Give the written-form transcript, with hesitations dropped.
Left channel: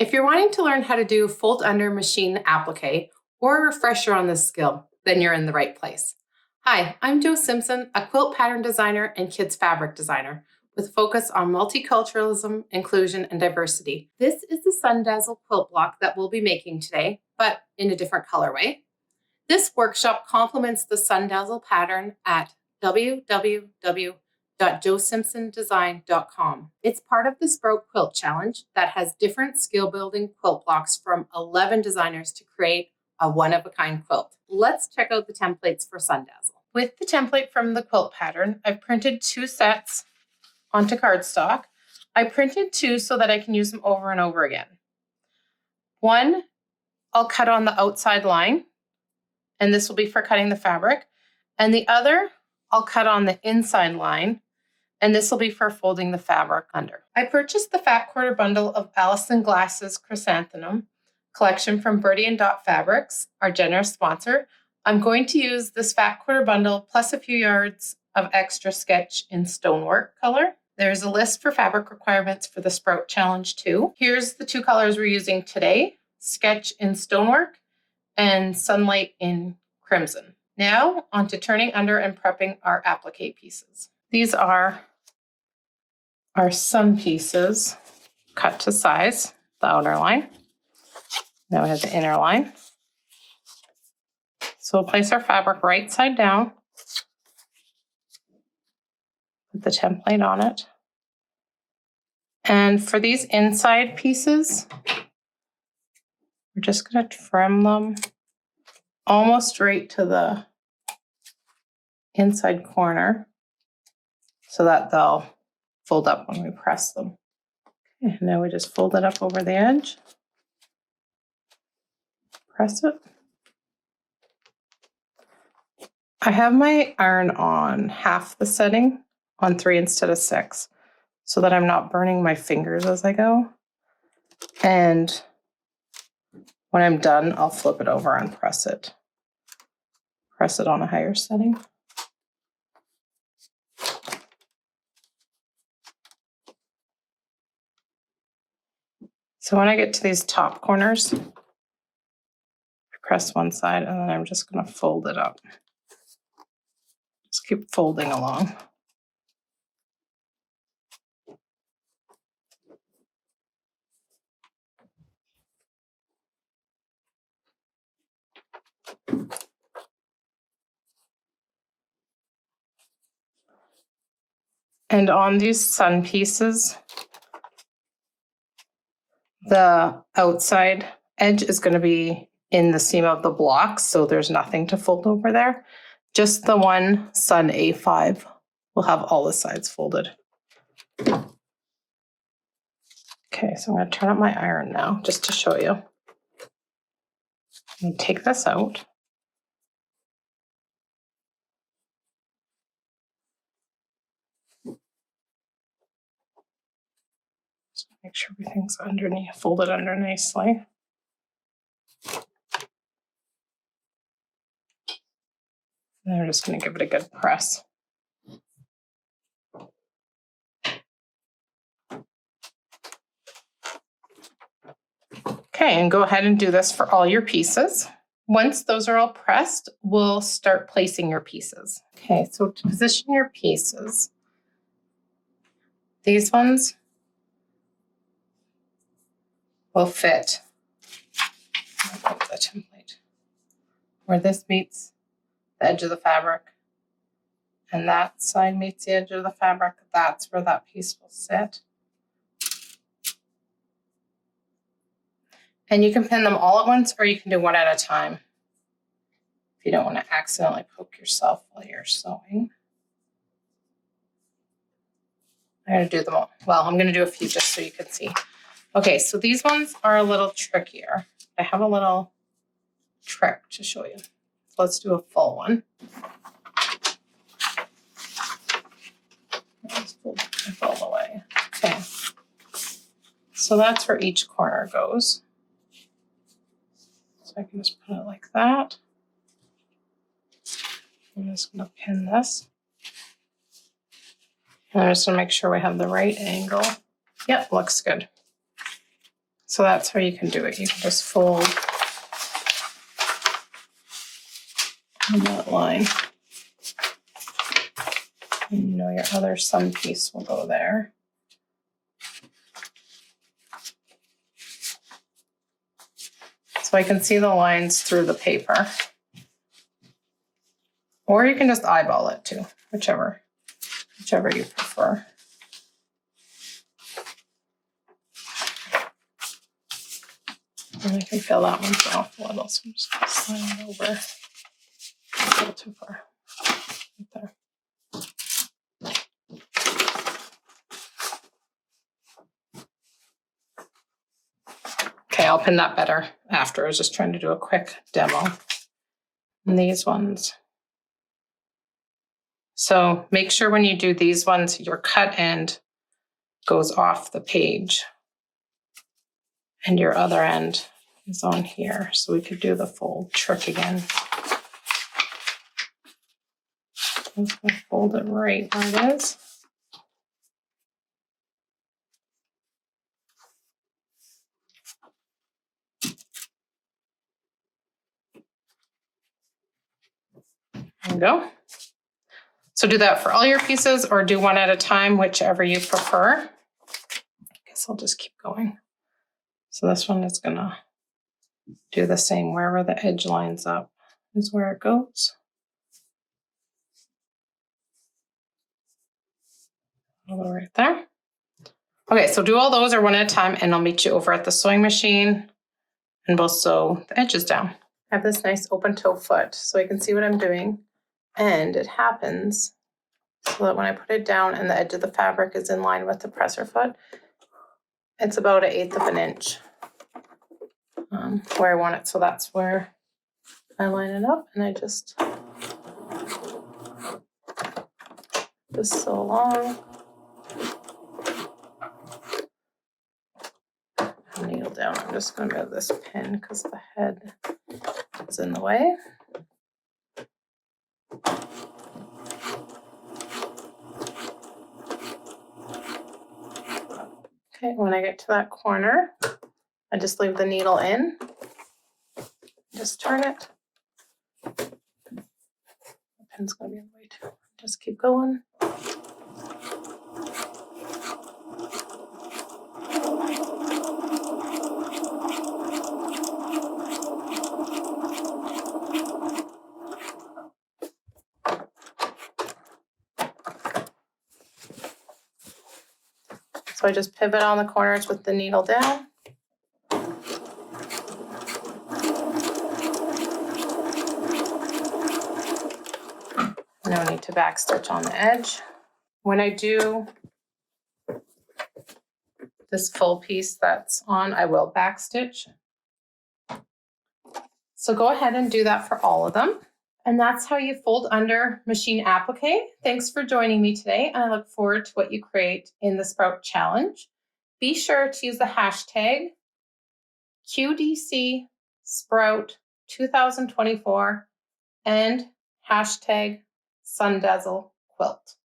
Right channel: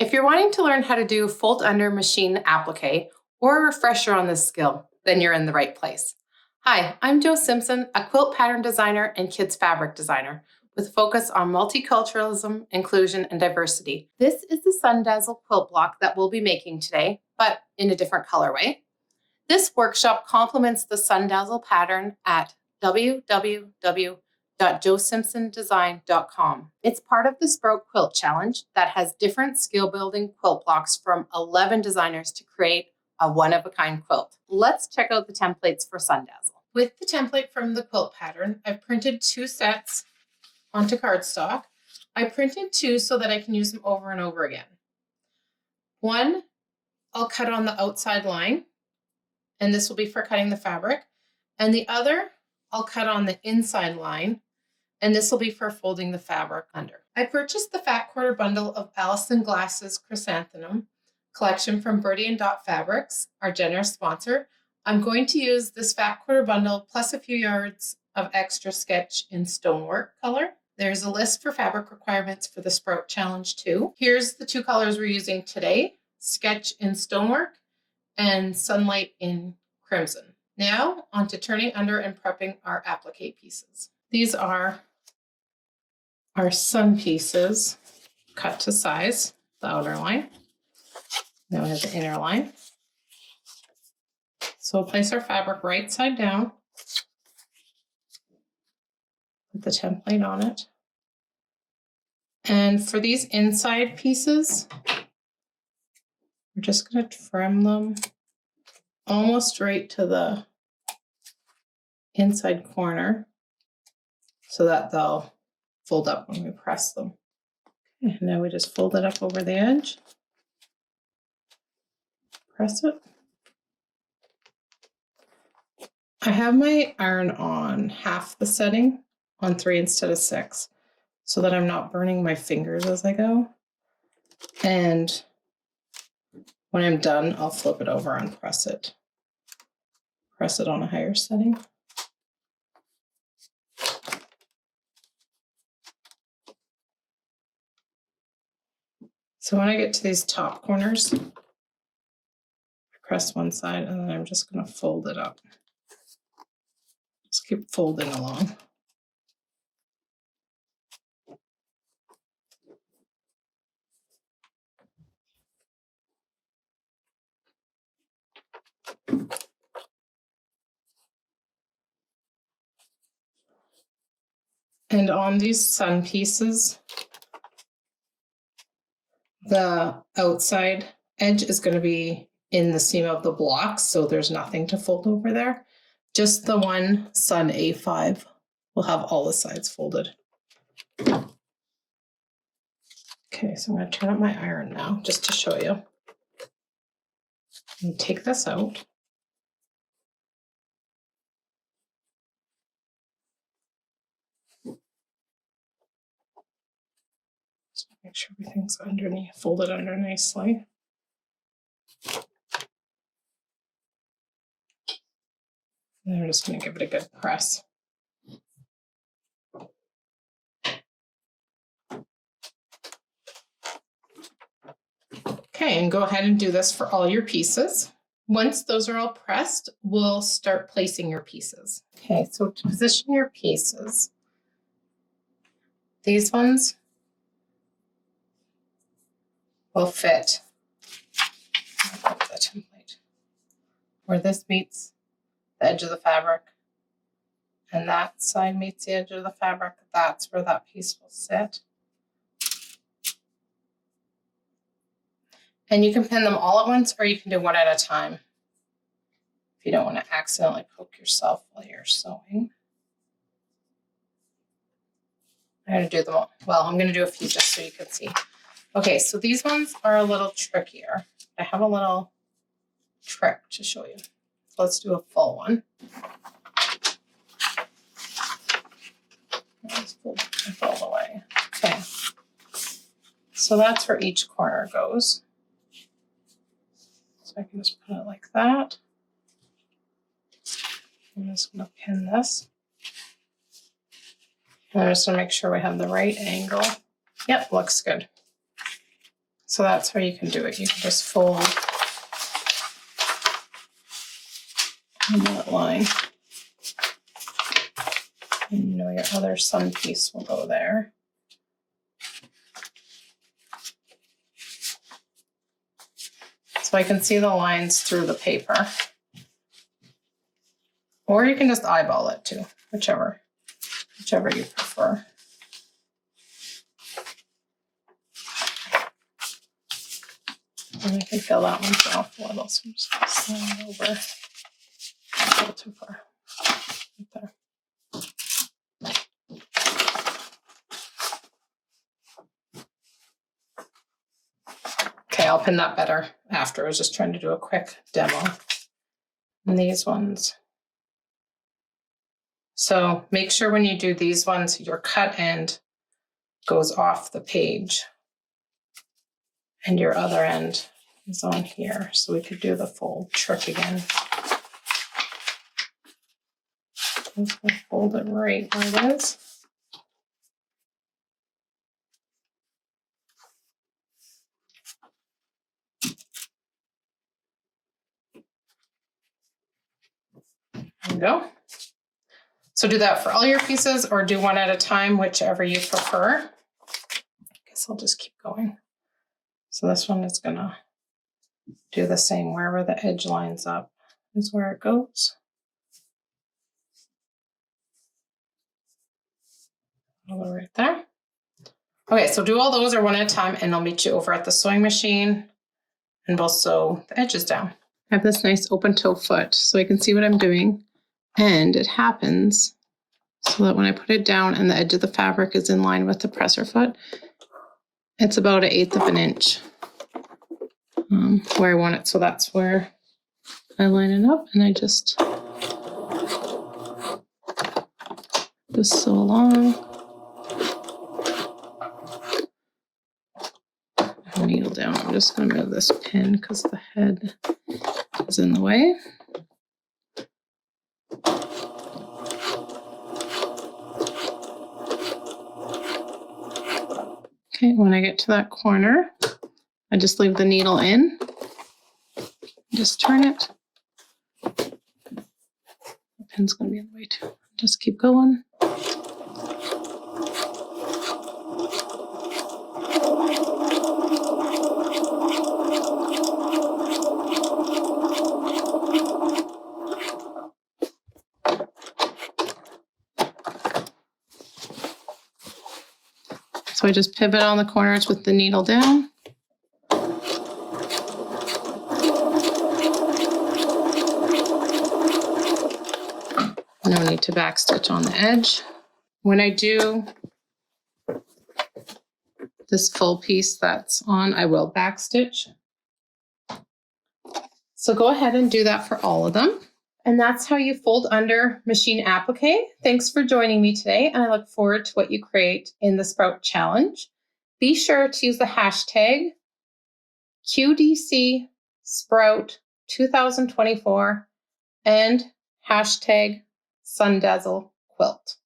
If you're wanting to learn how to do fold under machine applique or a refresher on this skill, then you're in the right place. Hi, I'm Jo Simpson, a quilt pattern designer and kids fabric designer with a focus on multiculturalism, inclusion, and diversity. This is the Sun Dazzle quilt block that we'll be making today, but in a different colorway. This workshop complements the Sun Dazzle pattern at www.josimpsondesign.com. It's part of the Sprout Quilt Challenge that has different skill-building quilt blocks from 11 designers to create a one-of-a-kind quilt. Let's check out the templates for Sun Dazzle. With the template from the quilt pattern, I've printed 2 sets onto cardstock. I printed 2 so that I can use them over and over again. One, I'll cut on the outside line, and this will be for cutting the fabric. And the other, I'll cut on the inside line, and this will be for folding the fabric under. I purchased the Fat Quarter bundle of Allison Glass's Chrysanthemum collection from Birdie & Dot Fabrics, our generous sponsor. I'm going to use this Fat Quarter bundle plus a few yards of extra sketch in stonework color. There's a list for fabric requirements for the Sprout Challenge too. Here's the 2 colors we're using today, sketch in stonework and sunlight in crimson. Now on to turning under and prepping our applique pieces. These are our sun pieces cut to size, the outer line. Now we have the inner line. So we'll place our fabric right side down, put the template on it. And for these inside pieces, we're just going to trim them almost right to the inside corner so that they'll fold up when we press them. Okay, now we just fold it up over the edge, press it. I have my iron on half the setting on 3 instead of 6 so that I'm not burning my fingers as I go. And when I'm done, I'll flip it over and press it. Press it on a higher setting. So when I get to these top corners, I press one side and then I'm just going to fold it up. Just keep folding along. And on these sun pieces, the outside edge is going to be in the seam of the block, so there's nothing to fold over there. Just the one Sun A5 will have all the sides folded. Okay, so I'm going to turn up my iron now just to show you. And take this out. Just make sure everything's underneath, folded under nicely. And I'm just going to give it a good press. Okay, and go ahead and do this for all your pieces. Once those are all pressed, we'll start placing your pieces. Okay, so to position your pieces, these ones will fit the template where this meets the edge of the fabric and that side meets the edge of the fabric. That's where that piece will sit. And you can pin them all at once or you can do one at a time if you don't want to accidentally poke yourself while you're sewing. I'm going to do them all. Well, I'm going to do a few just so you can see. Okay, so these ones are a little trickier. I have a little trick to show you. So let's do a full one. Let's fold it all the way. Okay. So that's where each corner goes. So I can just put it like that. I'm just going to pin this. And I'm just going to make sure we have the right angle. Yep, looks good. So that's how you can do it. You can just fold on that line. And you know your other sun piece will go there. So I can see the lines through the paper. Or you can just eyeball it too, whichever you prefer. And I can feel that one's off a little, so I'm just going to slide it over. A little too far. Right there. Okay, I'll pin that better after. I was just trying to do a quick demo. And these ones. So make sure when you do these ones, your cut end goes off the page. And your other end is on here. So we could do the fold trick again. I'm just going to fold it right where it is. There we go. So do that for all your pieces or do one at a time, whichever you prefer. I guess I'll just keep going. So this one is gonna do the same. Wherever the edge lines up is where it goes. I'll go right there. Okay, so do all those or one at a time and I'll meet you over at the sewing machine and we'll sew the edges down. I have this nice open toe foot so I can see what I'm doing. And it happens so that when I put it down and the edge of the fabric is in line with the presser foot, it's about 1/8 of an inch where I want it. So that's where I line it up and I just sew along. Needle down. I'm just going to move this pin because the head is in the way. Okay, when I get to that corner, I just leave the needle in. Just turn it. The pin's going to be in the way too. Just keep going. So I just pivot on the corners with the needle down. No need to backstitch on the edge. When I do this full piece that's on, I will backstitch. So go ahead and do that for all of them. And that's how you fold under machine applique. Thanks for joining me today, and I look forward to what you create in the Sprout Challenge. Be sure to use the hashtag QDC Sprout 2024 and hashtag Sun Dazzle Quilt.